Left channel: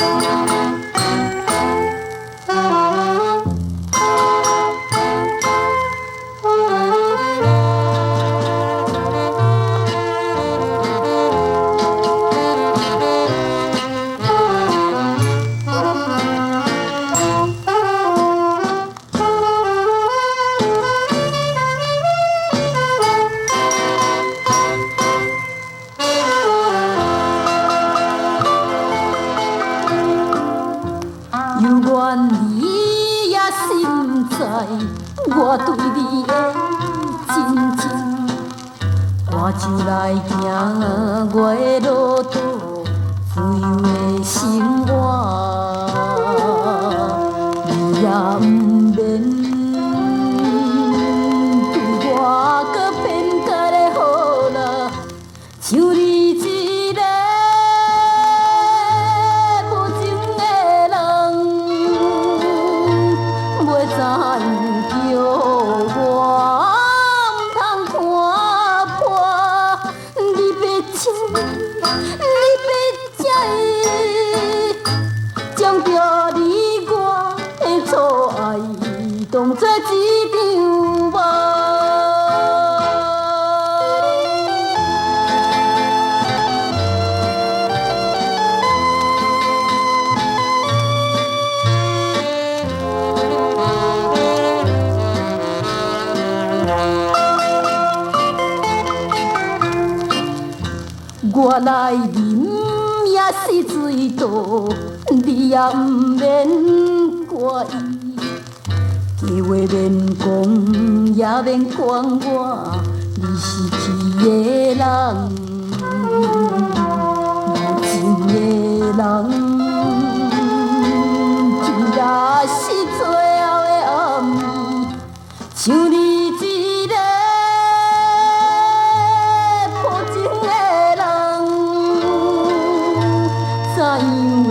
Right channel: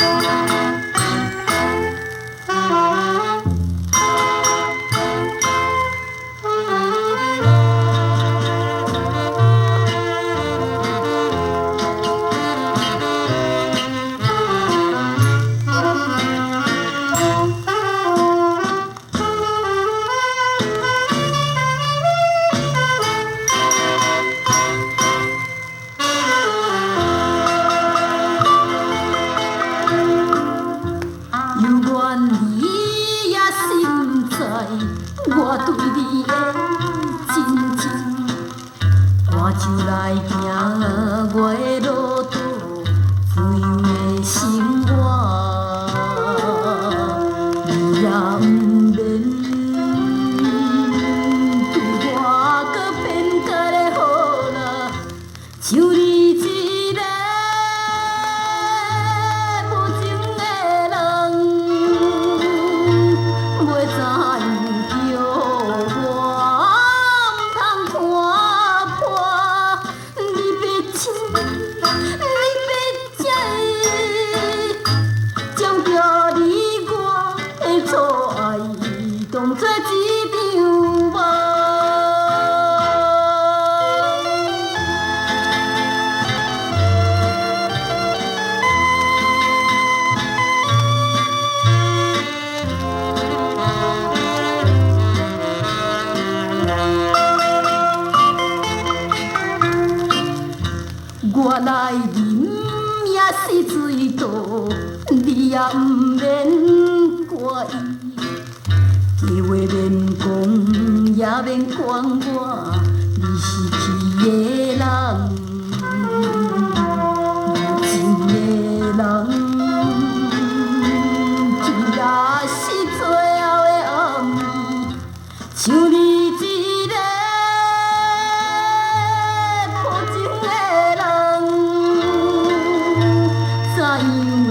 犹原你也心知我对你的真情，我就来行我的路途，自由的生活，你也不免对我搁偏待的好啦，像你一个无情的人，袂知影叫我不通看破，你要请，你要请，将着你我的错爱当作一场梦。我来啉也是水倒，你也不免怪伊，计话免讲也免管我，你是去的人，无情的人，就若是最后的暗暝，像你一个无情的人。怎样会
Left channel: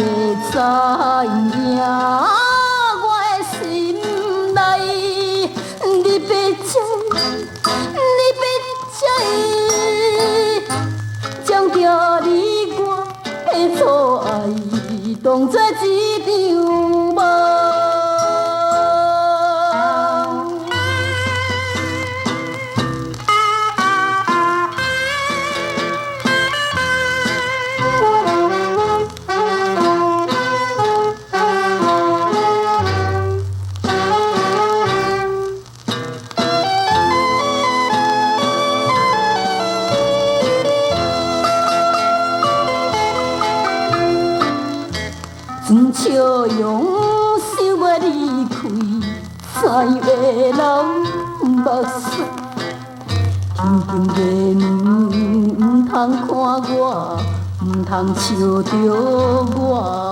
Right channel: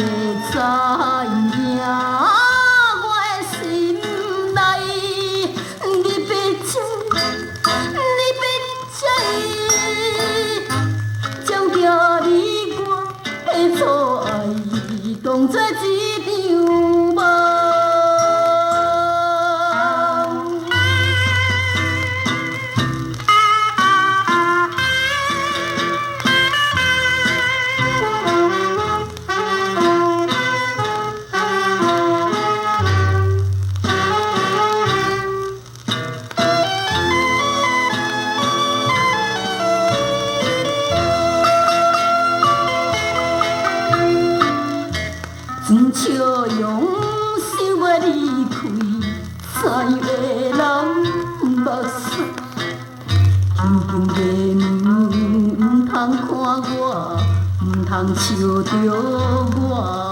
知影我的心内？你要请，你要请，将着你我的错爱当作一场梦。真笑容想要离开，怎样会人目屎？天经地义，唔通看我，唔通笑着我。